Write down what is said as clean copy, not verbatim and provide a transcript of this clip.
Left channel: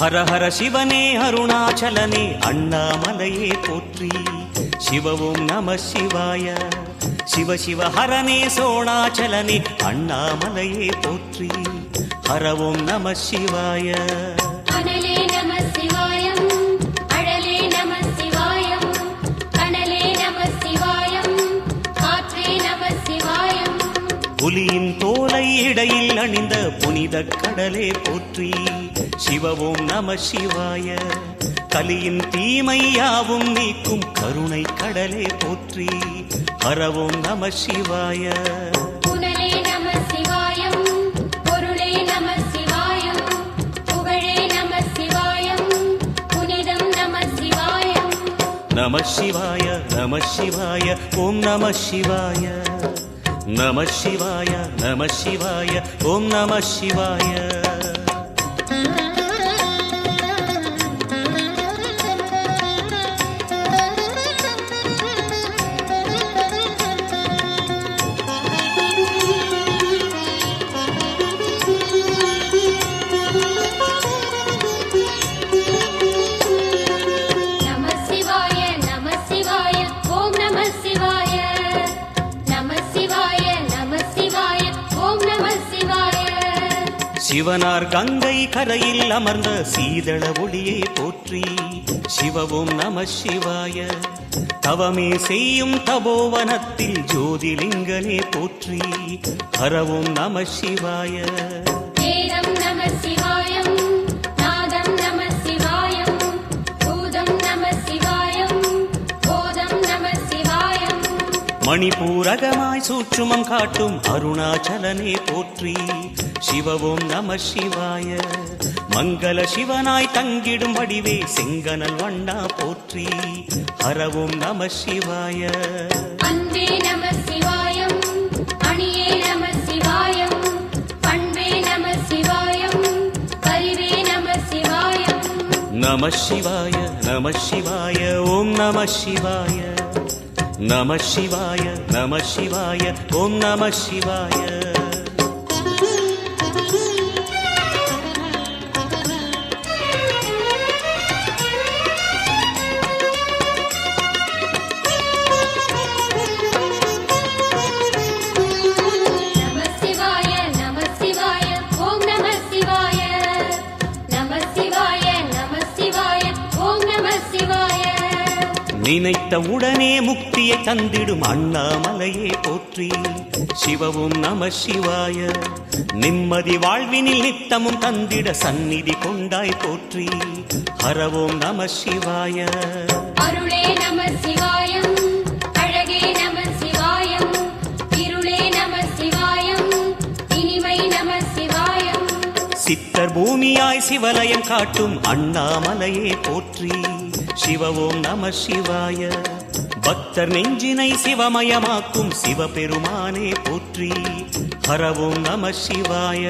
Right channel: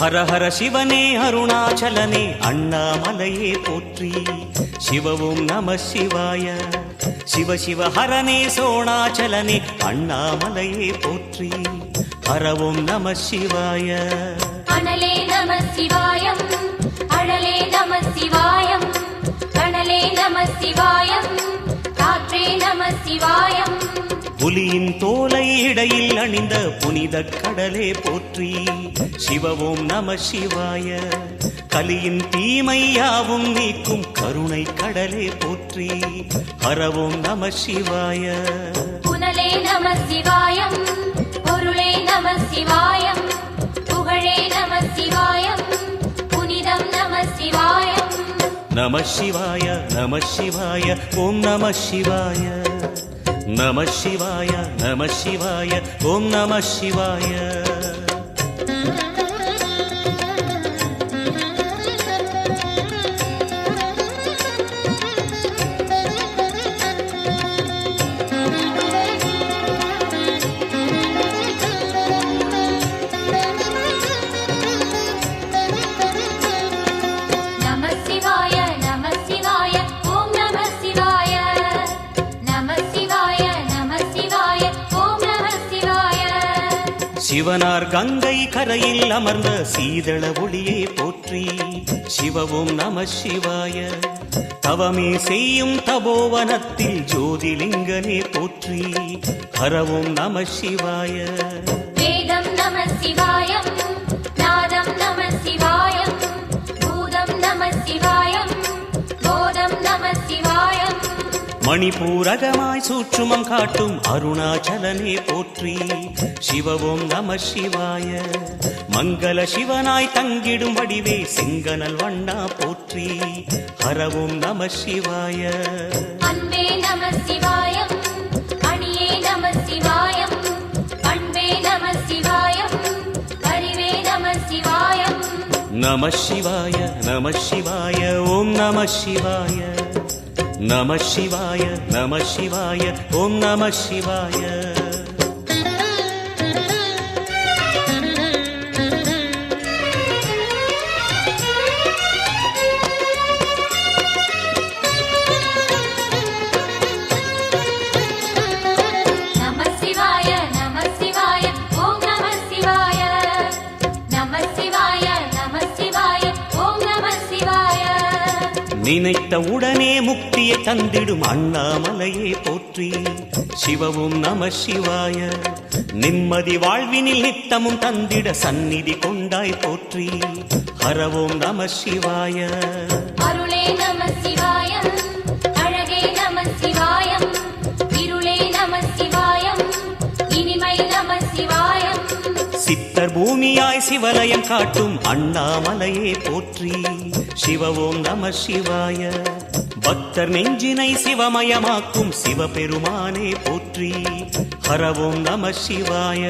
ஹர ஹர சிவனே அருணாச்சலனே அண்ணாமலையே போற்றி. சிவவும் நம சிவாய. சிவ சிவ ஹரனே சோணாச்சலனே அண்ணாமலையே போற்றி. ஹரவும் நம சிவாய. அனலே நம சிவாயம், அழலே நம சிவாயம், கனலே நம சிவாயம், காற்றே நம சிவாயம். புலியின் தோலை இடையில் அணிந்த புனித கடலே போற்றி. சிவவும் நம சிவாய. கலியின் தீமையாவும் நீக்கும் கருணை கடலே போற்றி. ஹரவும் நம சிவாய. புனலே நம சிவாயம், பொருளே நம சிவாயம், புகழே நம சிவாயம், புனிதம் நம சிவாயம். நம சிவாய நம சிவாய ஓம் நம சிவாய. நம சிவாய நம சிவாய ஓம் நம சிவாய. சிவனார் கங்கை கரையில் அமர்ந்த சீதள ஒளியே போற்றி. சிவவும் நம சிவாய. தவமே செய்யும் தபோவனத்தில் ஜோதிலிங்கனே போற்றி. ஹரவும் நம சிவாய. வேதம் நம சிவாயம், நாதம் நம சிவாயம், பூதம் நம சிவாயம், போதம் நம சிவாயம். மணிபூரகமாய் சூட்சுமம் காட்டும் அருணாச்சலனே போற்றி. சிவவும் நம சிவாய. மங்கள சிவனாய் தங்கிடும் வடிவே செங்கனல் வண்ணா போற்றி. ஹரவும் நம சிவாய. அன்பே நம சிவாயம், அணியே நம சிவாயம், பண்பே நம சிவாயம், அறிவே நம சிவாயம். நம சிவாய நம சிவாய ஓம் நம சிவாய. நம சிவாய நம சிவாய ஓம் நம சிவாய. நினைத்த உடனே முக்தியை தந்திடும் அண்ணாமலையே போற்றி. சிவவும் நம சிவாய. நிம்மதி வாழ்வினில் நித்தமும் தந்திட சந்நிதி கொண்டாய் போற்றி. ஹரவும் நம சிவாய. அருளே நம சிவாயம், அழகே நம சிவாயம், இருளே நம சிவாயம், இனிமை நம சிவாயம். சித்தர் பூமியாய் சிவலயம் காட்டும் அண்ணாமலையே போற்றி. சிவவும் நம சிவாய. பக்தர் நெஞ்சினை சிவமயமாக்கும் சிவபெருமானே போற்றி. ஹரவும் நம சிவாய.